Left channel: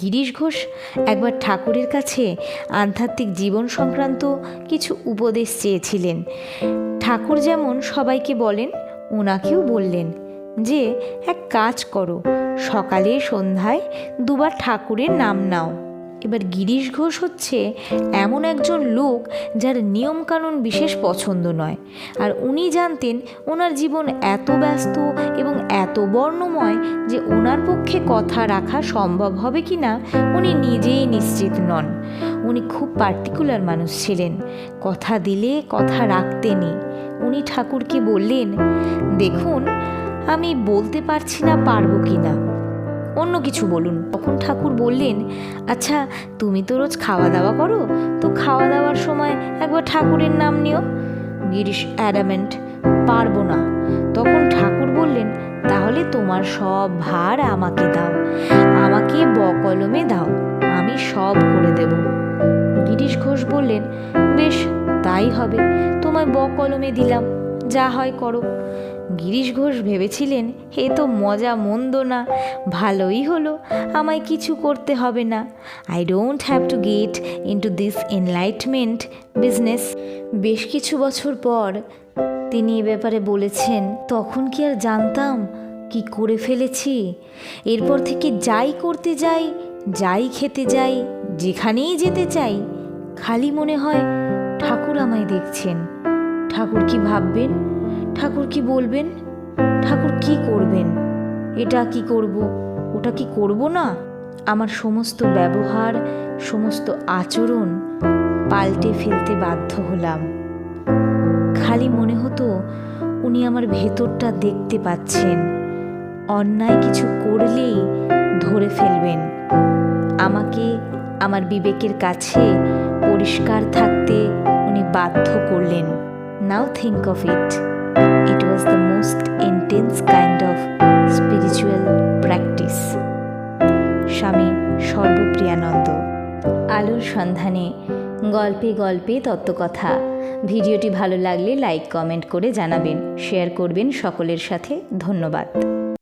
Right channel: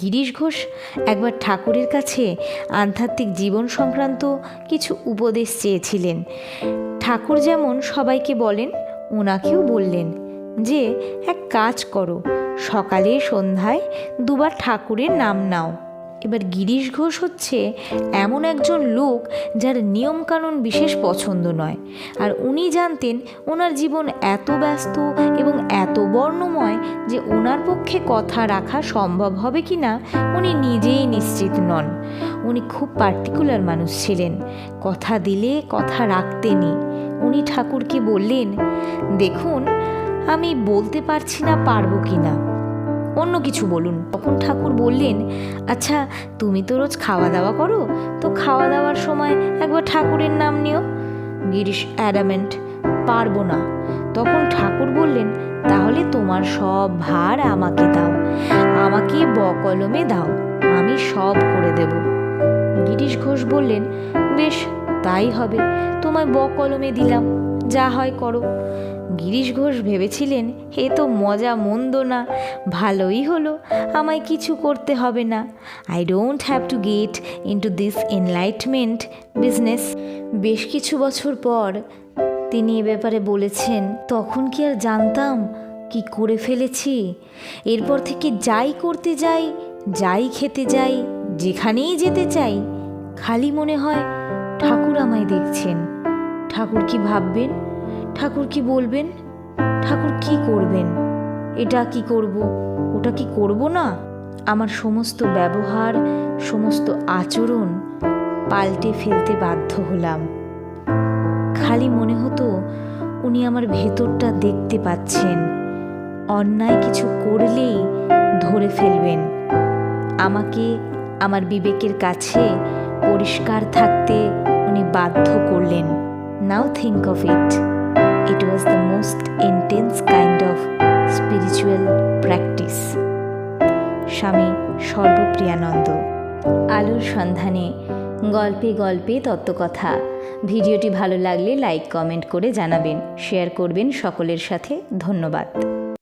গিরিশ ঘোষ একবার ঠাকুরের কাছে আধ্যাত্মিক জীবন সংক্রান্ত কিছু উপদেশ চেয়েছিলেন। ঠাকুর যেমন সবাইকে বলেন, ওনাকেও বললেন যে এক কাজ করো, সকালে সন্ধ্যায় দুবার ঠাকুরের নাম নাও। এবার গিরিশ ঘোষ হচ্ছে এমন একজন লোক যার নিয়মকানুন বিশেষ পছন্দ নয়, আর উনি জানতেন ওনার জীবন এত ব্যস্ত এবং এত বর্ণময় যে ওনার পক্ষে কথা রাখা সম্ভব হবে কি না উনি নিজেই নিশ্চিত নন। উনি খুব পার্টিকুলার মানুষ ছিলেন, কথা দিলে কথা রাখতেনই। উনি ঠাকুরকে বললেন, দেখুন আমি বলতে পারছি না পারবো কি না, অন্য কিছু বলুন। তখন ঠাকুর বললেন, আচ্ছা তুমি তো রোজ খাওয়া দাওয়া করো, তো খাওয়া দাওয়ার সময় একবার ঠাকুরের নাম নিও। গিরিশ অ্যাডামেন্ট, পারবো না। তখন ঠাকুর বললেন, তাহলে তোমার সব ভার আমাকে দাও, আমাকে বকলমে দাও, আমি সব করে দেব। গিরিশ ঘোষ বললেন, বেশ তাই হবে, তোমায় বকলমে দিলাম, যা হয় করো। গিরিশ ঘোষ ভেবেছিলেন, এ তো মজা মন্দ না, ভালোই হলো, আমায় কিছু করতে হবে না। I don't have to get into this enlightenment business. বেশ কিছু বছর পর তিনি এ ব্যাপারে বলেছেন, তখন কি আর জানতাম কি করে ফেলেছি। এরপর থেকে যাই করতে যাই, যাই খেতে যাই, যেখানেই যেতে চাই, খালি মনে হয় ঠাকুর আমায় দেখছেন। ঠাকুর কি ভাববেন, ঠাকুর কি বলবেন, ঠাকুর কি করবেন, এটা কি করব, ওটা কি করব না। আমার সমস্ত ব্যবহার, সমস্ত আচরণ পাল্টে ফেলতে বাধ্য হলাম। খালি মনে হতো উনি আমার ভেতরটা দেখতে পাচ্ছেন, অন্যায় কিছু করলেই ধরে ফেলবেন। আমাকে আমার বিবেকের কাছে পরিষ্কার থাকতে উনি বাধ্য করলেন। Now think of it, it was the most intense kind of spiritual practice. স্বামী সর্বপ্রিয়ানন্দ। আলোর সন্ধানে, গল্পে গল্পে তত্ত্বকথা। ভিডিওটি ভালো লাগলে লাইক কমেন্ট করে জানাবেন, শেয়ার করবেন সকলের সাথে। ধন্যবাদ।